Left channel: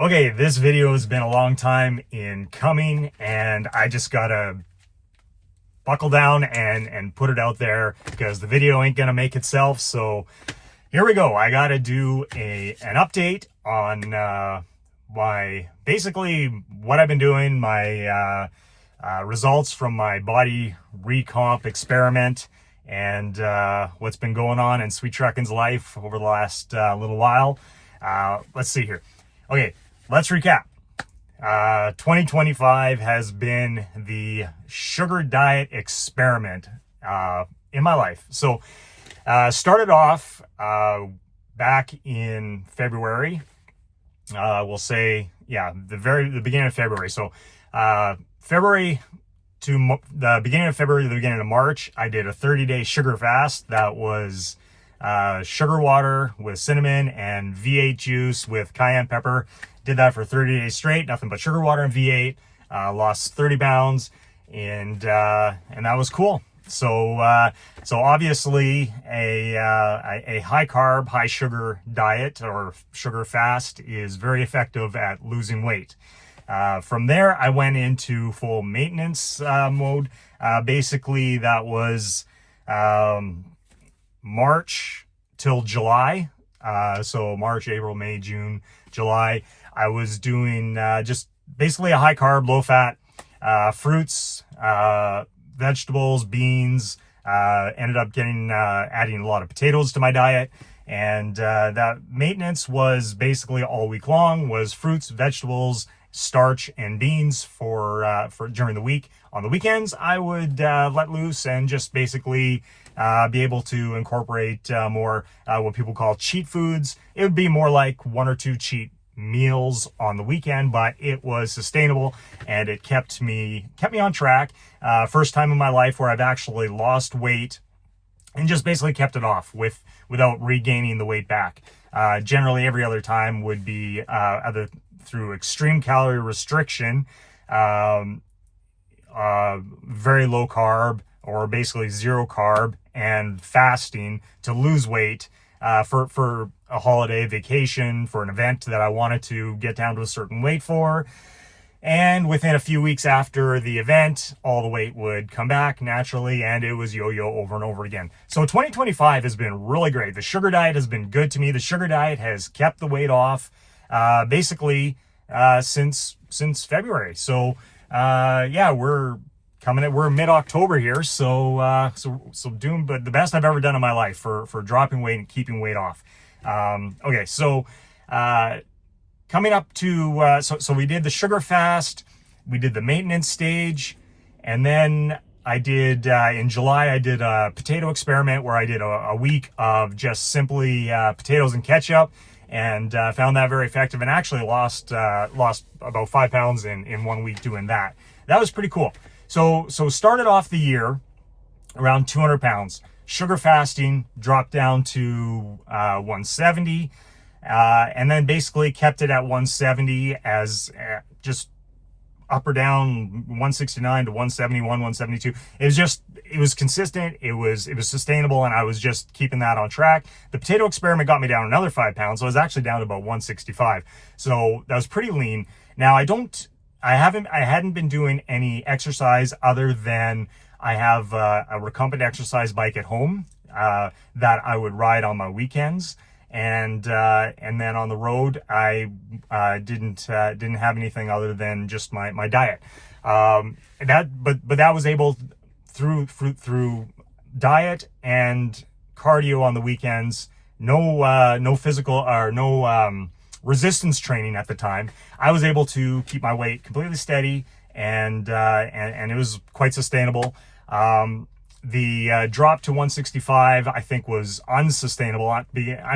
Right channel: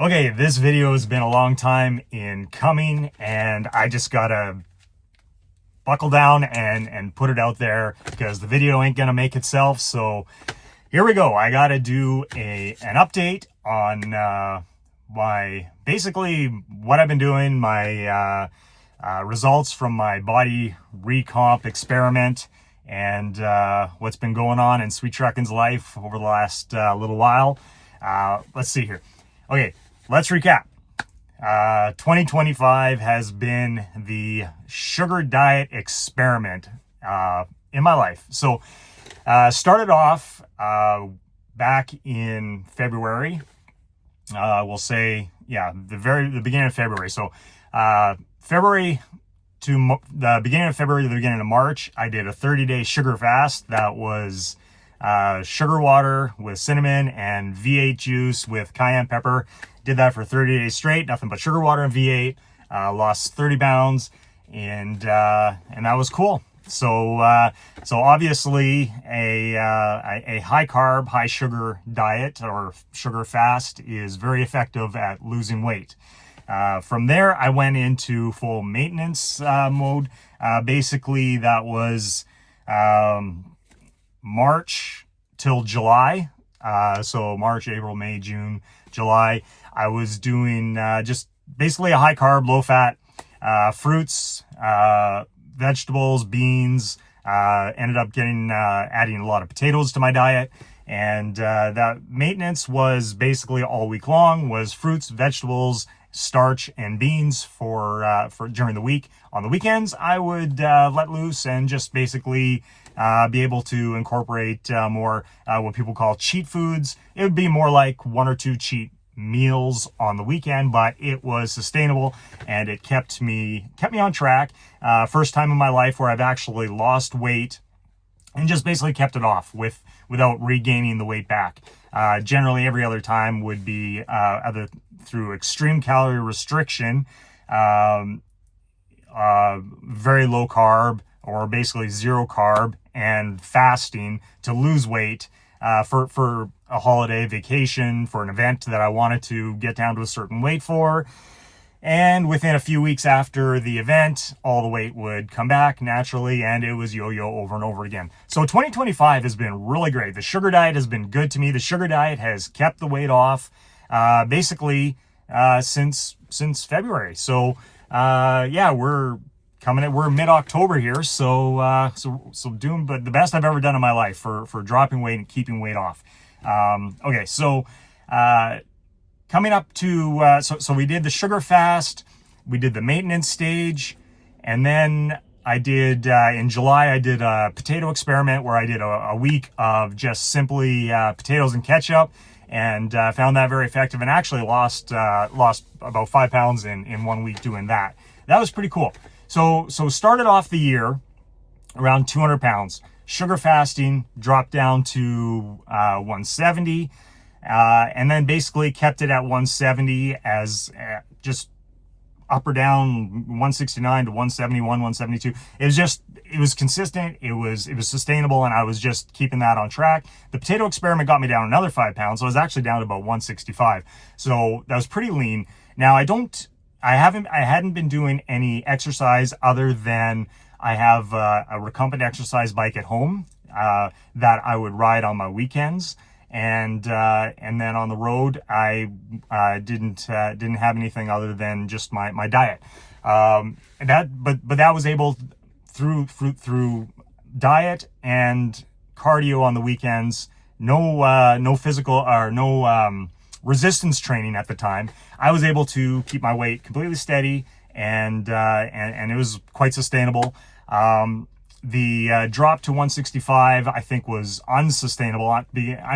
Okay, this video has been a long time in coming, and I just gotta buckle down and put it out there because the video ain't gonna make itself. So here we go. I gotta do an update on basically what I've been doing, my results from my body recomp experiment, and what's been going on in Sweet Truckin's life over the last little while. Let's see here. Okay, let's recap. 2025 has been the sugar diet experiment in my life. So started off back in February. We'll say, yeah, the beginning of February. So February to the beginning of February to the beginning of March, I did a 30-day sugar fast. That was sugar water with cinnamon and V8 juice with cayenne pepper. Did that for 30 days straight, nothing but sugar water and V8. Lost 30 pounds, and that was cool. So obviously a high carb, high sugar diet or sugar fast is very effective at losing weight. From there, I went into full maintenance mode. Basically, that was March till July. So March, April, May, June, July. I was doing just basically a high carb, low fat, fruits, vegetables, beans. Ended up adding a lot of potatoes to my diet. And that maintenance was basically all week long, was fruits, vegetables, starch, and beans for during the week. On the weekends, I would let loose and just basically be able to incorporate more what people call cheat foods. It would be more like one or two cheat meals on the weekend, but it was sustainable and it kept me on track. First time in my life where I've actually lost weight and just basically kept it off without regaining the weight back. Generally, every other time would be either through extreme calorie restriction, very low carb, or basically zero carb, and fasting to lose weight for a holiday vacation, for an event that I wanted to get down to a certain weight for. And within a few weeks after the event, all the weight would come back naturally, and it was yo-yo over and over again. So 2025 has been really great. The sugar diet has been good to me. The sugar diet has kept the weight off basically since February. So yeah, we're mid-October here, so doing but the best I've ever done in my life for dropping weight and keeping weight off. Okay, so coming up to so we did the sugar fast, we did the maintenance stage, and then I did in July I did a potato experiment where I did a week of just simply potatoes and ketchup, and found that very effective, and actually lost about 5 pounds in 1 week doing that. That was pretty cool. So started off the year around 200 pounds. Sugar fasting, dropped down to 170, and then basically kept it at 170 as just up or down, 169 to 171, 172. It was consistent, it was sustainable, and I was just keeping that on track. The potato experiment got me down another 5 pounds, so I was actually down to about 165. So that was pretty lean. Now I hadn't been doing any exercise other than I have a Recomp exercise bike at home that I would ride on my weekends, and then on the road I didn't have anything other than just my diet. But that was able through diet and cardio on the weekends. No physical or no resistance training at the time. I was able to keep my weight completely steady, and it was quite sustainable. The drop to 165 I think was unsustainable. I'm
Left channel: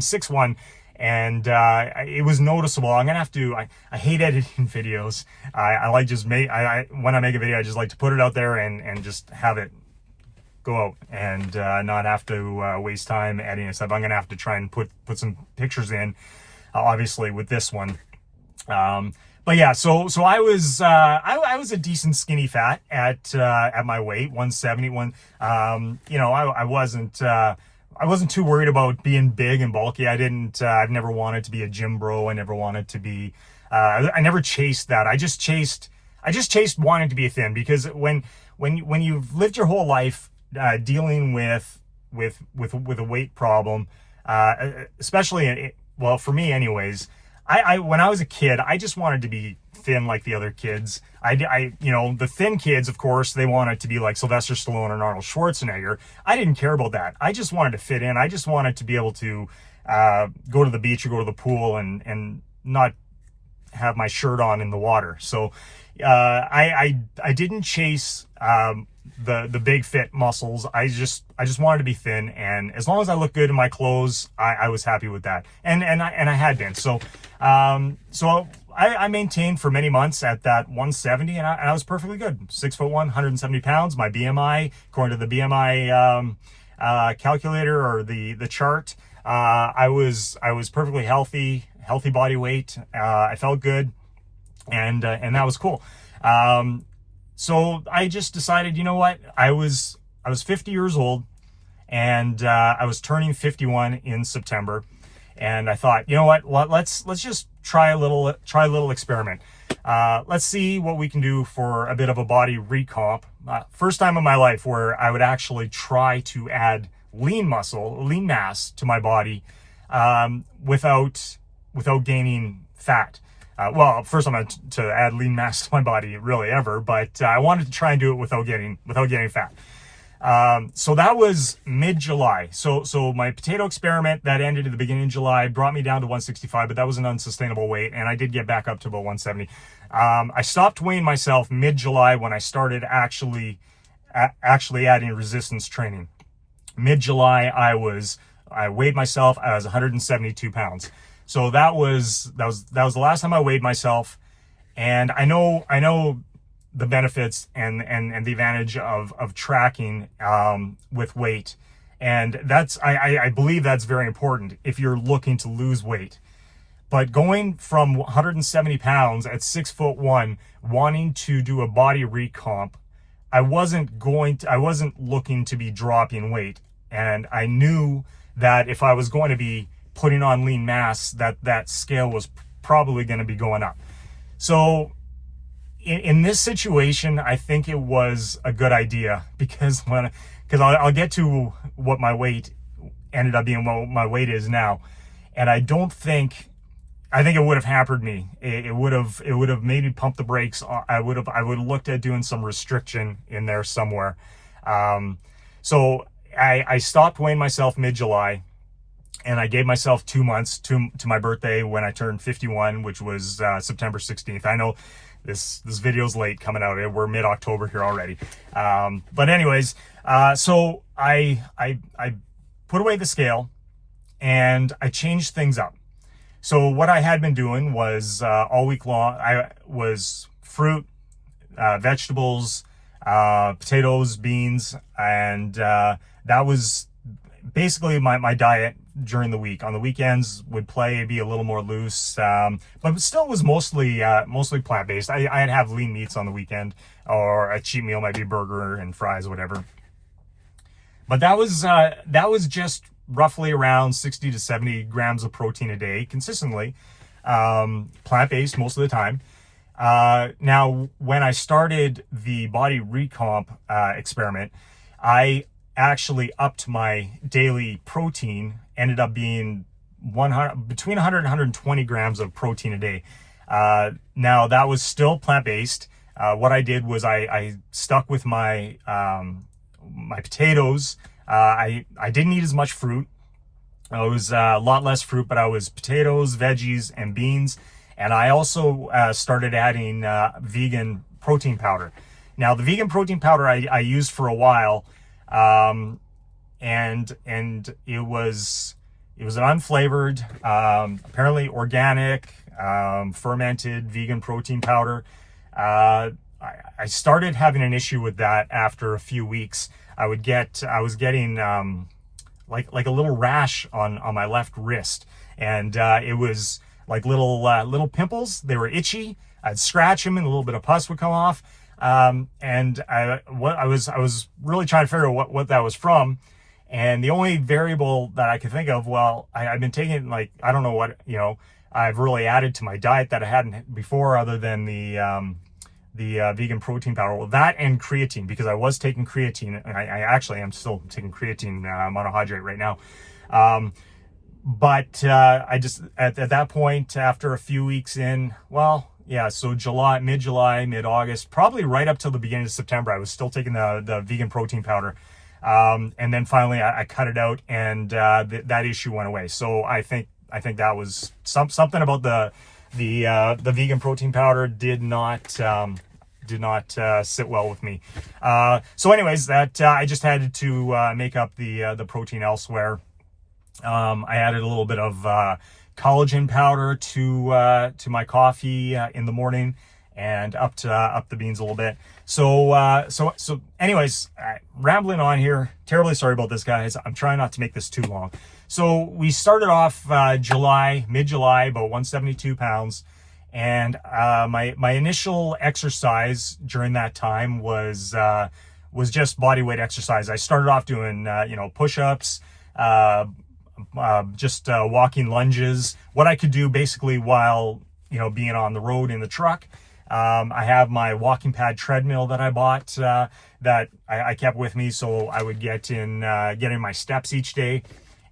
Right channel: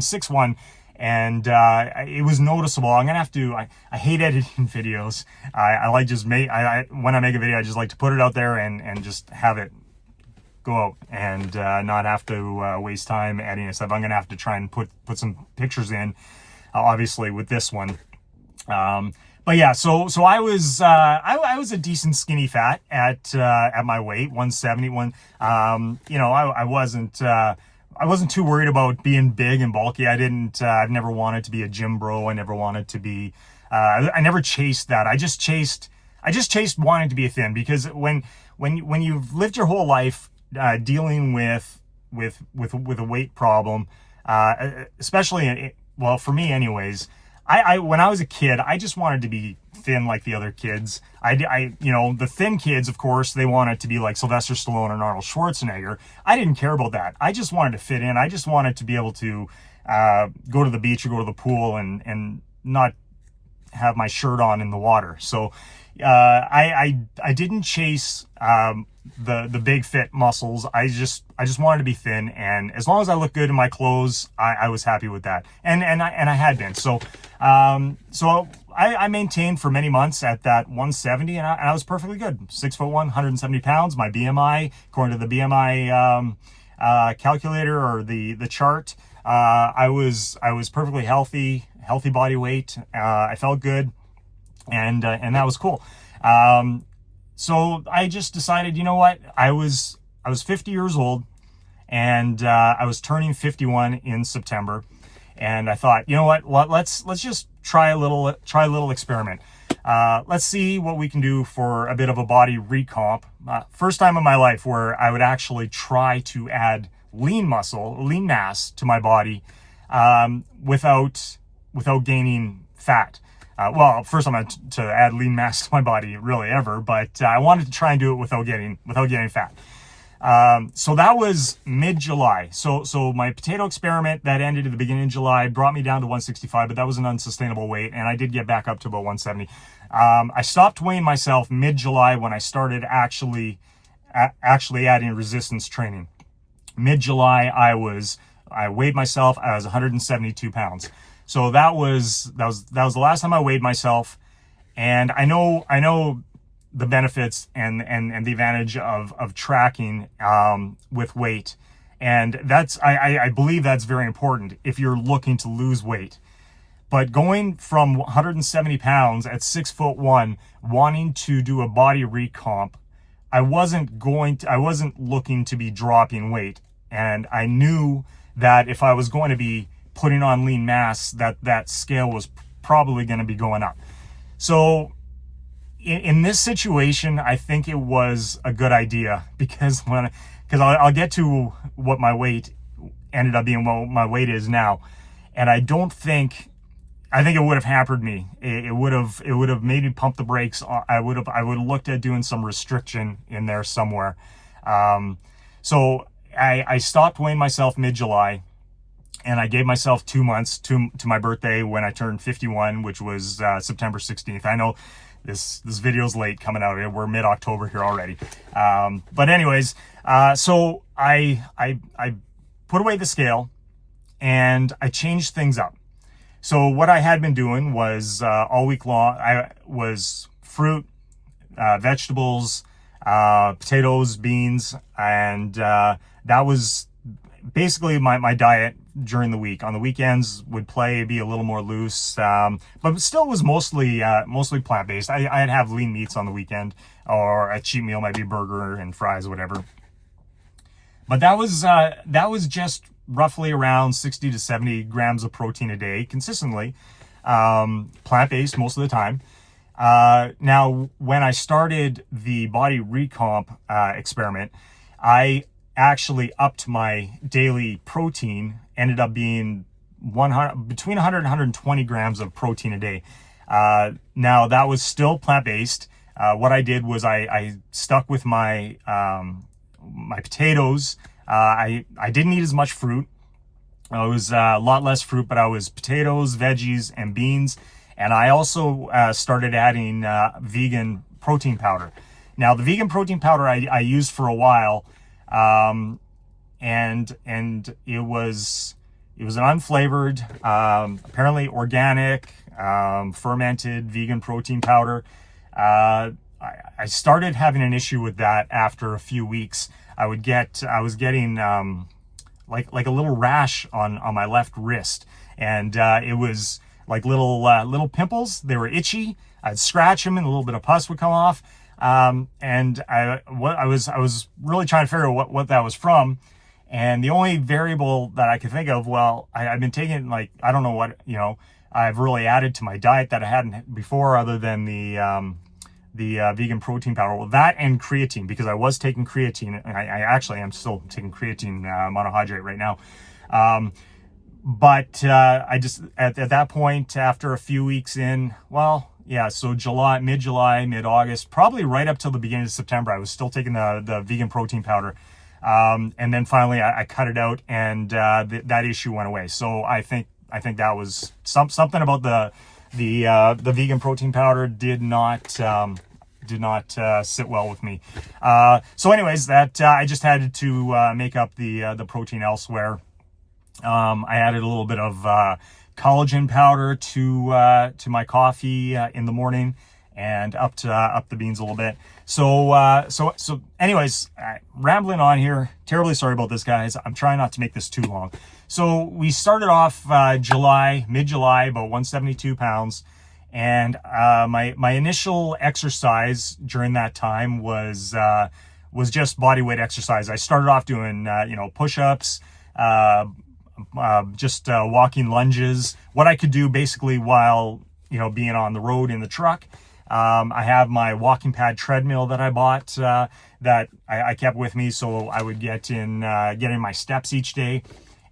6'1", and it was noticeable. I'm gonna have to. I hate editing videos. I like just when I make a video, I just like to put it out there and just have it go out and not have to waste time editing stuff. I'm gonna have to try and put some pictures in. Obviously with this one, but yeah, so I was a decent skinny fat at my weight, 171. I wasn't wasn't too worried about being big and bulky. I've never wanted to be a gym bro. I never wanted to be, I never chased that. I just chased wanting to be thin, because when you've lived your whole life, dealing with a weight problem, especially well, for me anyways, I when I was a kid, I just wanted to be thin like the other kids. The thin kids, of course, they wanted to be like Sylvester Stallone and Arnold Schwarzenegger. I didn't care about that. I just wanted to fit in. I just wanted to be able to go to the beach or go to the pool and not have my shirt on in the water. So I didn't chase the big fit muscles. I just wanted to be thin, and as long as I looked good in my clothes, I was happy with that. And I had been. So I maintained for many months at that 170, and I was perfectly good. 6'1", 170 pounds. My BMI, according to the BMI calculator or the chart, I was perfectly healthy body weight. I felt good, and that was cool. So I just decided, you know what? I was 50 years old, and I was turning 51 in September. And I thought, you know what? Well, let's just try a little experiment. Let's see what we can do for a bit of a body recomp. First time in my life where I would actually try to add lean mass to my body, without gaining fat. Well, first I'm going to add lean mass to my body really ever, but I wanted to try and do it without getting fat. So that was mid-July. So my potato experiment that ended at the beginning of July brought me down to 165, but that was an unsustainable weight, and I did get back up to about 170. I stopped weighing myself mid-July when I started actually adding resistance training. Mid-July, I weighed myself. I was 172 pounds. So that was the last time I weighed myself, and I know the benefits and the advantage of tracking with weight, and I believe that's very important if you're looking to lose weight. But going from 170 pounds at 6'1", wanting to do a body recomp, I wasn't looking to be dropping weight, and I knew that if I was going to be putting on lean mass, that scale was probably going to be going up. So in this situation, I think it was a good idea, because I'll get to what my weight ended up being, what my weight is now, and I think it would have hampered me. It would have made me pump the brakes. I would have looked at doing some restriction in there somewhere. So I stopped weighing myself mid-July, and I gave myself 2 months to my birthday when I turned 51, which was September 16th. I know this video's late coming out. We're mid-October here already. But anyways, so I put away the scale, and I changed things up. So what I had been doing was all week long, I was fruit, vegetables, potatoes, beans, and that was basically my diet during the week. On the weekends would be a little more loose, but still was mostly plant-based. I'd have lean meats on the weekend, or a cheat meal might be a burger and fries, whatever. But that was just roughly around 60 to 70 grams of protein a day, consistently, plant-based most of the time. Now, when I started the body recomp experiment, I actually upped my daily protein, ended up being between 100 and 120 grams of protein a day. Now, that was still plant-based. What I did was I stuck with my potatoes. I didn't eat as much fruit. It was a lot less fruit, but I was potatoes, veggies, and beans. And I also started adding vegan protein powder. Now, the vegan protein powder I used for a while, and it was an unflavored, apparently organic, fermented vegan protein powder. I started having an issue with that after a few weeks. I was getting like a little rash on my left wrist, and it was like little pimples. They were itchy. I'd scratch them, and a little bit of pus would come off. And I was really trying to figure out what that was from. And the only variable that I could think of, well, I've been taking, like, I don't know what, I've really added to my diet that I hadn't before, other than the vegan protein powder. Well, that and creatine, because I was taking creatine. And I actually am still taking creatine monohydrate right now. But I just, at that point, after a few weeks in, well, yeah, so mid-July, mid-August, probably right up till the beginning of September, I was still taking the vegan protein powder. And then finally I cut it out, and that issue went away. So I think that was something about the vegan protein powder did not sit well with me. So anyways, that I just had to make up the protein elsewhere. I added a little bit of collagen powder to my coffee in the morning, and up the beans a little bit. So anyways, rambling on here. Terribly sorry about this, guys. I'm trying not to make this too long. So we started off mid-July, about 172 pounds. And my initial exercise during that time was just body weight exercise. I started off doing push-ups, just walking lunges, what I could do basically while being on the road in the truck. I have my walking pad treadmill that I bought that I kept with me, so I would get in my steps each day.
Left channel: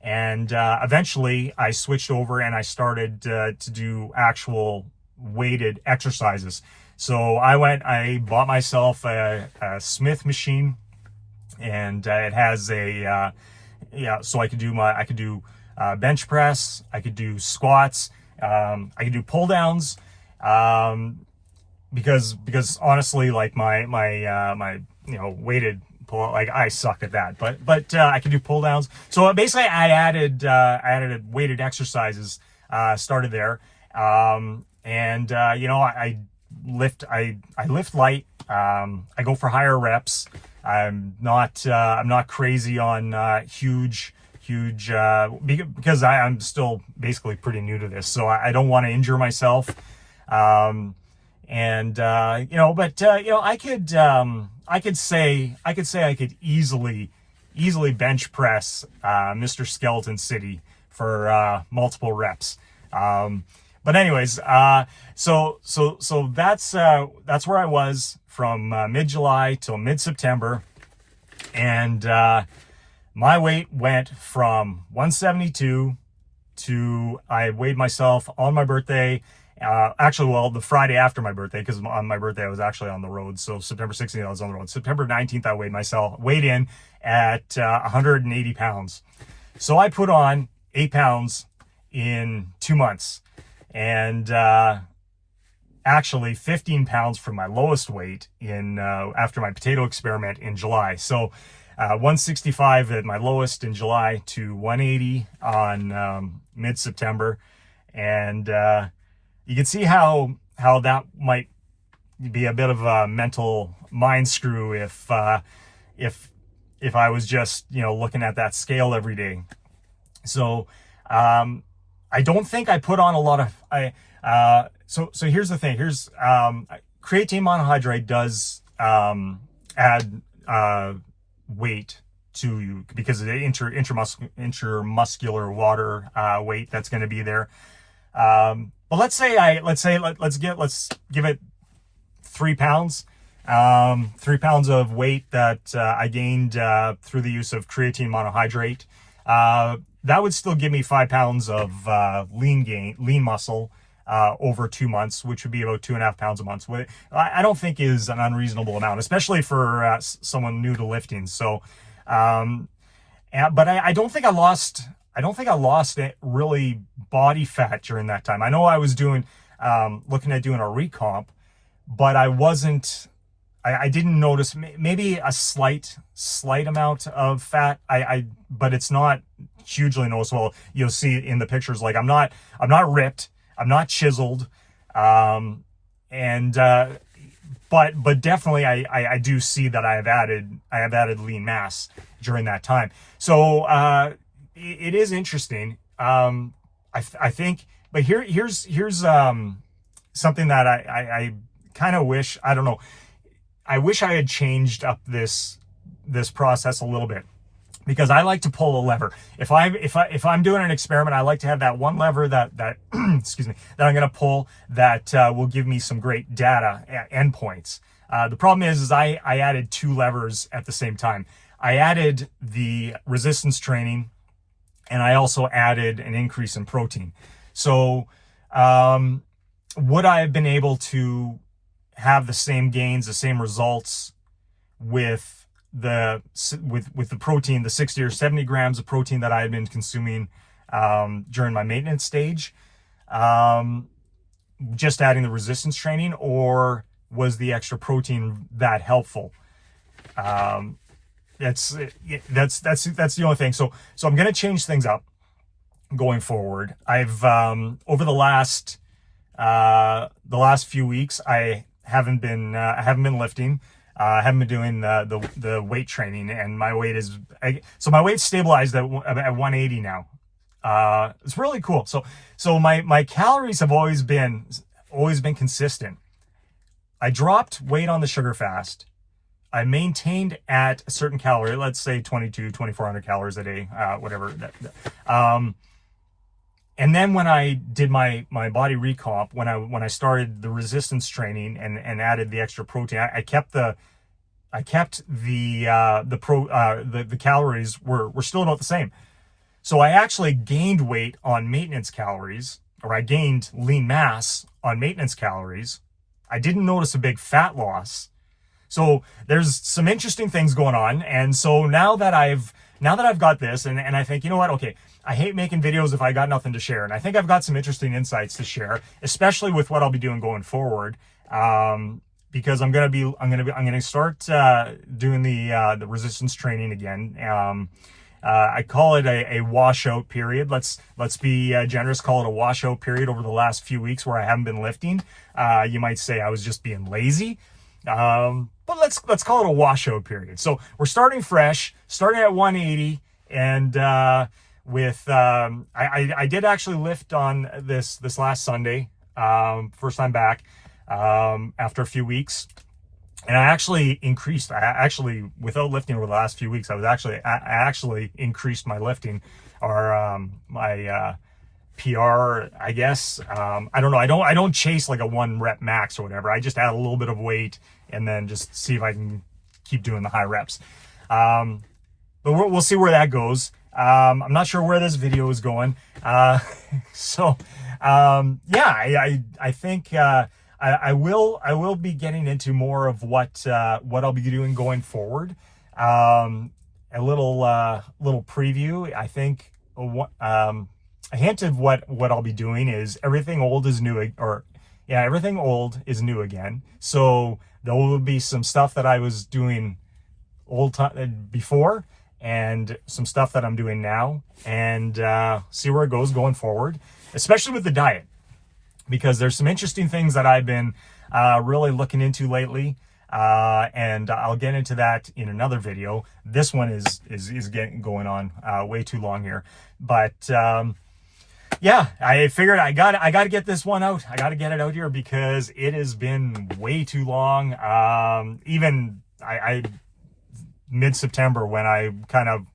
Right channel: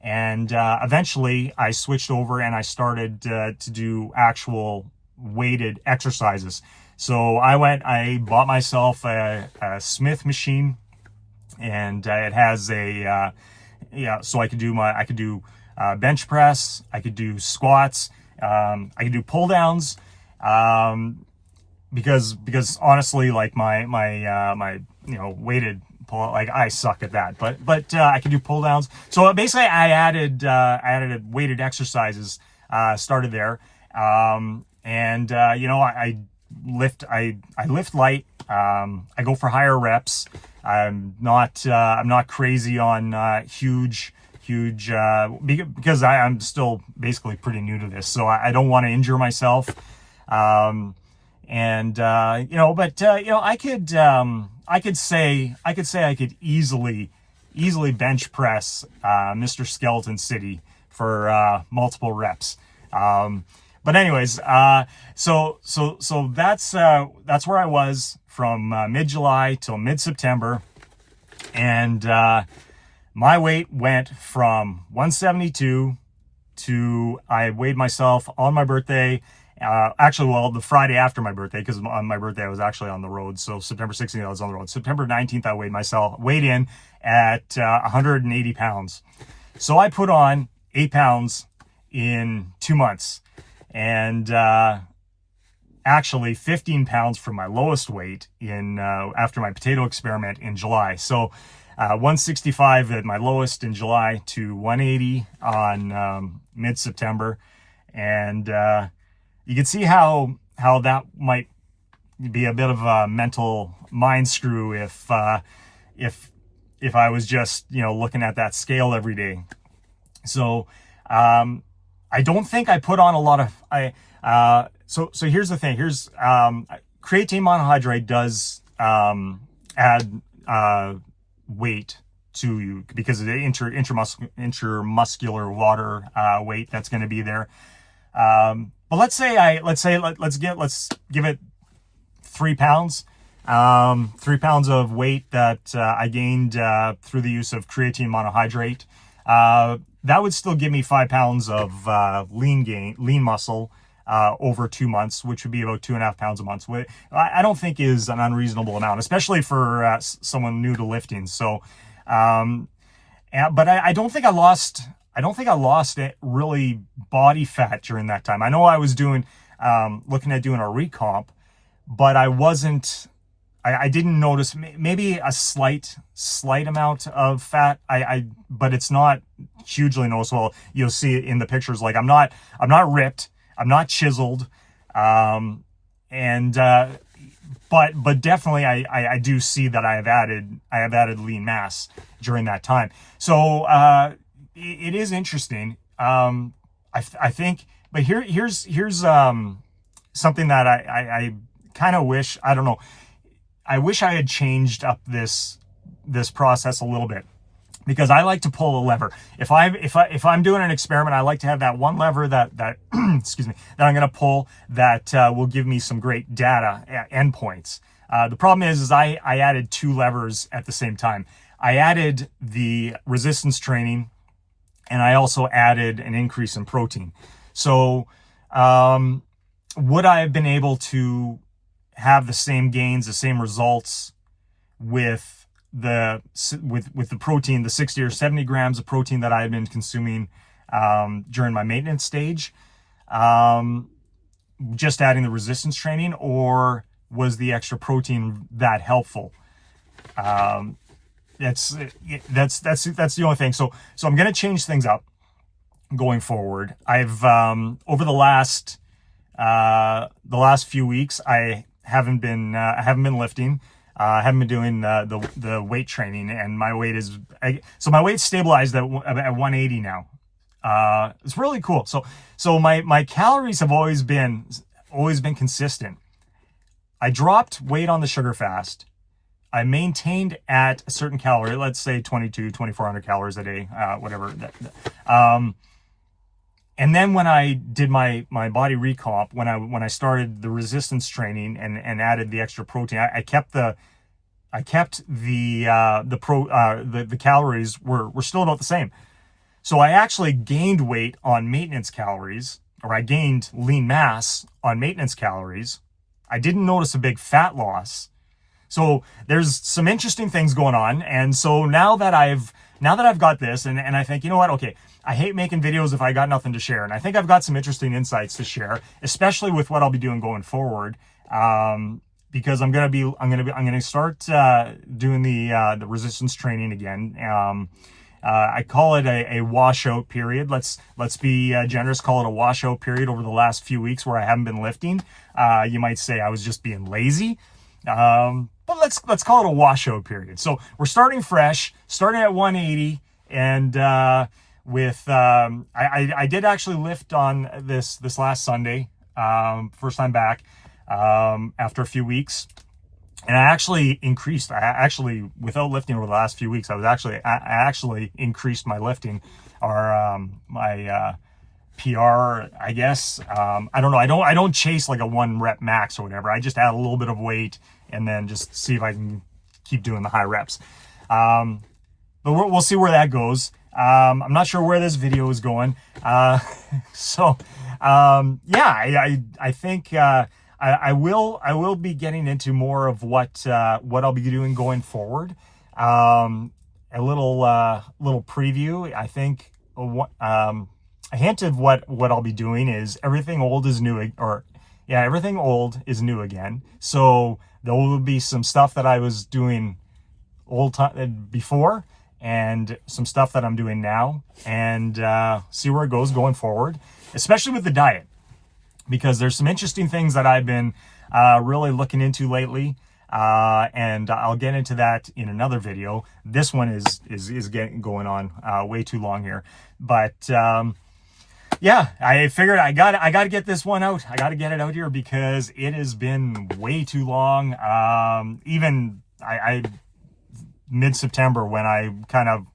And eventually I switched over and I started to do actual weighted exercises. So I bought myself a Smith machine, and it has so I could do bench press, I could do squats, I could do pull downs, because honestly, like my weighted pull, like I suck at that, but I can do pull downs. So basically I added weighted exercises, started there. And I lift light. I go for higher reps. I'm not crazy on huge because I'm still basically pretty new to this, so I don't want to injure myself. I could say I could easily bench press Mr. Skeleton City for multiple reps. But anyways, so that's where I was from mid-July till mid-September, and my weight went from 172 to, I weighed myself on my birthday. The Friday after my birthday, because on my birthday I was actually on the road. So September 16th I was on the road. September 19th I weighed in at 180 pounds. So I put on 8 pounds in 2 months, and actually 15 pounds from my lowest weight in after my potato experiment in July. So 165 at my lowest in July to 180 on mid-September. And you can see how that might be a bit of a mental mind screw if I was just looking at that scale every day. So I don't think I put on a lot of so here's the thing. Here's creatine monohydrate does add weight to you because of the intramuscular water weight that's going to be there. But let's give it 3 pounds. 3 pounds of weight that I gained through the use of creatine monohydrate. That would still give me 5 pounds of lean muscle over 2 months, which would be about 2.5 pounds a month. I don't think is an unreasonable amount, especially for someone new to lifting. So, but I don't think I lost. I don't think I lost really body fat during that time. I know I was looking at doing a recomp, but I wasn't. I didn't notice maybe a slight amount of fat. But it's not hugely noticeable. You'll see it in the pictures. Like I'm not ripped. I'm not chiseled. But definitely I do see that I have added lean mass during that time. So it is interesting. I think, but here's something that I kind of wish, I don't know. I wish I had changed up this process a little bit, because I like to pull a lever. If I'm doing an experiment, I like to have that one lever that excuse me, that I'm going to pull that will give me some great data endpoints. The problem is I added 2 levers at the same time. I added the resistance training, and I also added an increase in protein. So would I have been able to have the same gains, the same results with the protein, the 60 or 70 grams of protein that I had been consuming during my maintenance stage, just adding the resistance training, or was the extra protein that helpful? That's the only thing. So I'm going to change things up going forward. I've over the last few weeks, I haven't been lifting. I haven't been doing the weight training, and my weight is so my weight's stabilized at 180 now. It's really cool. So my calories have always been consistent. I dropped weight on the sugar fast. I maintained at a certain calorie, let's say 2,400 calories a day, whatever. And then when I did my body recomp, when I started the resistance training and added the extra protein, I kept the calories were still about the same. So I actually gained weight on maintenance calories, or I gained lean mass on maintenance calories. I didn't notice a big fat loss. So there's some interesting things going on. And so now that I've got this, and I think, you know what, okay, I hate making videos if I got nothing to share. And I think I've got some interesting insights to share, especially with what I'll be doing going forward. Because I'm going to start doing the resistance training again. I call it a washout period. Let's be generous, call it a washout period over the last few weeks where I haven't been lifting. You might say I was just being lazy. But let's call it a washout period. So we're starting fresh, starting at 180, and I did actually lift on this last Sunday, first time back after a few weeks, and I actually increased. Without lifting over the last few weeks, I actually increased my lifting, or my PR, I guess. I don't know. I don't chase like a 1 rep max or whatever. I just add a little bit of weight and then just see if I can keep doing the high reps. But we'll see where that goes. I'm not sure where this video is going. I think I will be getting into more of what I'll be doing going forward. A little preview. I think a hint of what I'll be doing is everything old is new, everything old is new again. So there will be some stuff that I was doing before, and some stuff that I'm doing now, and see where it goes going forward, especially with the diet, because there's some interesting things that I've been really looking into lately, and I'll get into that in another video. This one is going on way too long here, but yeah, I figured I got to get this one out. I got to get it out here because it has been way too long. Even mid-September, when I kind of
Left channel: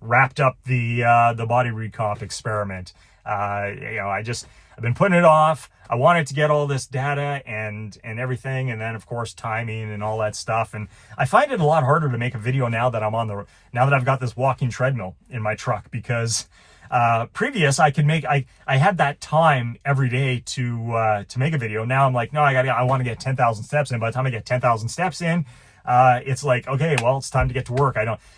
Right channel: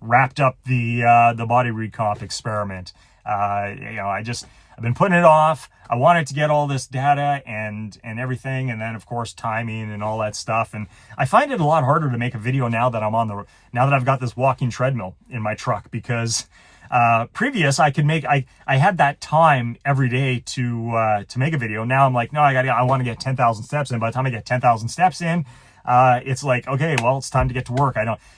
wrapped up the body recomp experiment, I've been putting it off. I wanted to get all this data and everything, and then of course timing and all that stuff. And I find it a lot harder to make a video now that I've got this walking treadmill in my truck, because previous I had that time every day to make a video. Now I'm like, no, I want to get 10,000 steps in. By the time I get 10,000 steps in, it's like, okay, well, it's time to get to work.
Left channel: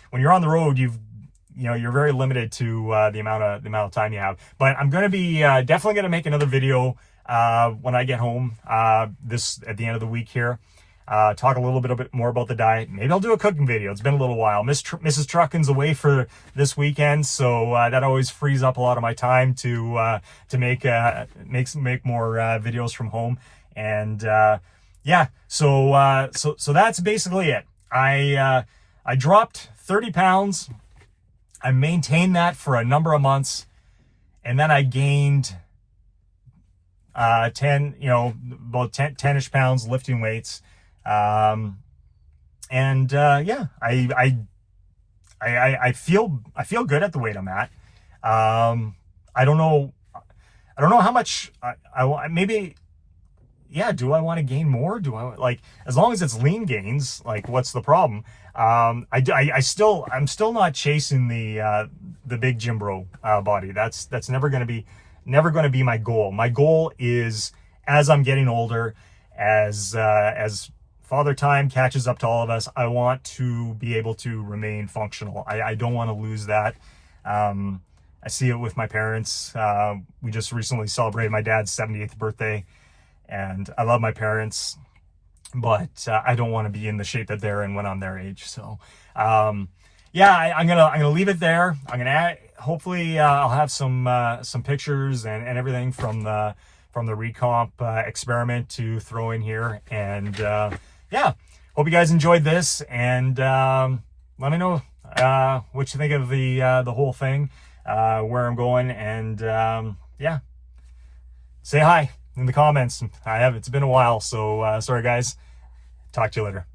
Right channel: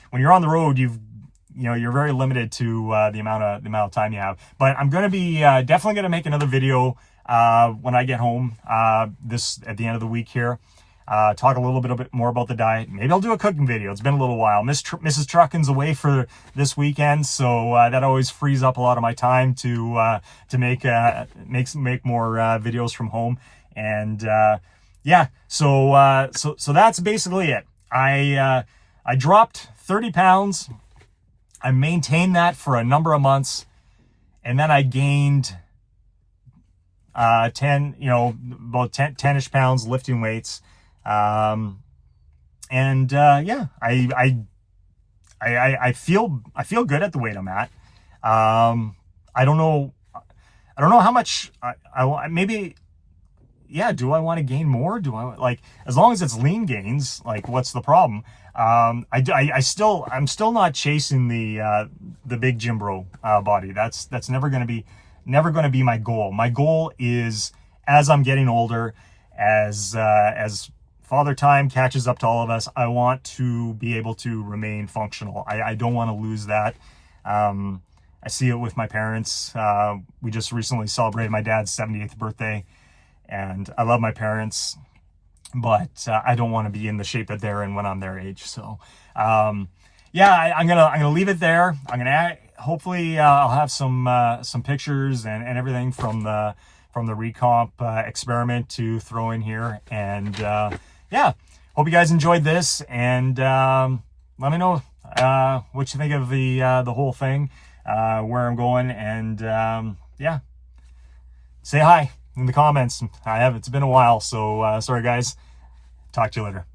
When you're on the road, you're very limited to the amount of time you have. But I'm going to be definitely going to make another video when I get home at the end of the week here. Talk a little bit more about the diet. Maybe I'll do a cooking video. It's been a little while. Mrs. Truckin's away for this weekend, so that always frees up a lot of my time to make more videos from home. And yeah, so that's basically it. I dropped 30 pounds. I maintained that for a number of months, and then I gained 10-ish pounds lifting weights. Yeah, I feel good at the weight I'm at. I don't know how much maybe, yeah, do I want to gain more? Do I, like, as long as it's lean gains, like, what's the problem? I'm still not chasing the big gym bro body. That's never going to be my goal. My goal is, as I'm getting older, as father time catches up to all of us, I want to be able to remain functional. I don't want to lose that. I see it with my parents. We just recently celebrated my dad's 78th birthday, and I love my parents, but I don't want to be in the shape that they're in when I'm their age. So, yeah, I'm gonna leave it there. I'm gonna hopefully I'll have some pictures and everything from the Recomp experiment to throw in here. And yeah, hope you guys enjoyed this, and let me know what you think of the whole thing, where I'm going, and yeah, say hi in the comments. It's been a while, so sorry guys. Talk to you later.